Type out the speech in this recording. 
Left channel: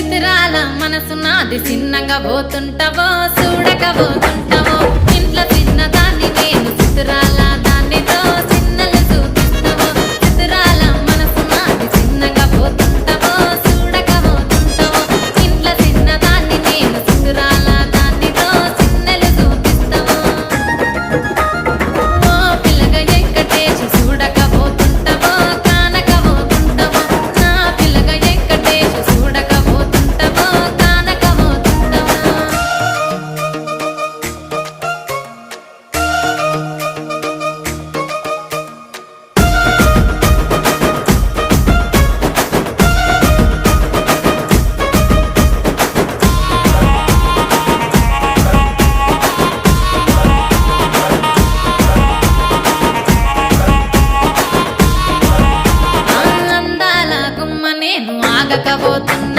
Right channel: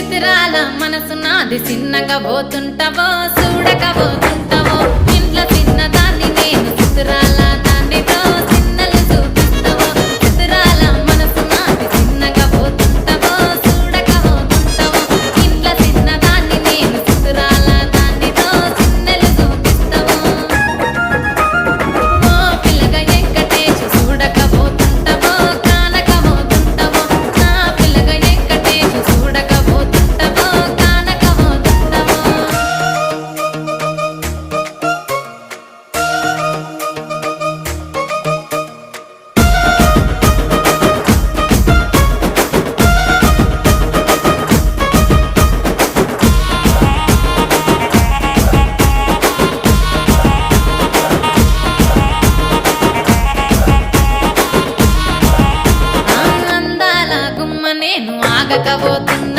చిత్రాల మనసు నాది చిన్నగా పోతుంటావో చూడక పోతుంటావో ఇంట్లో చిన్నదాన్ని నేను చిత్రాల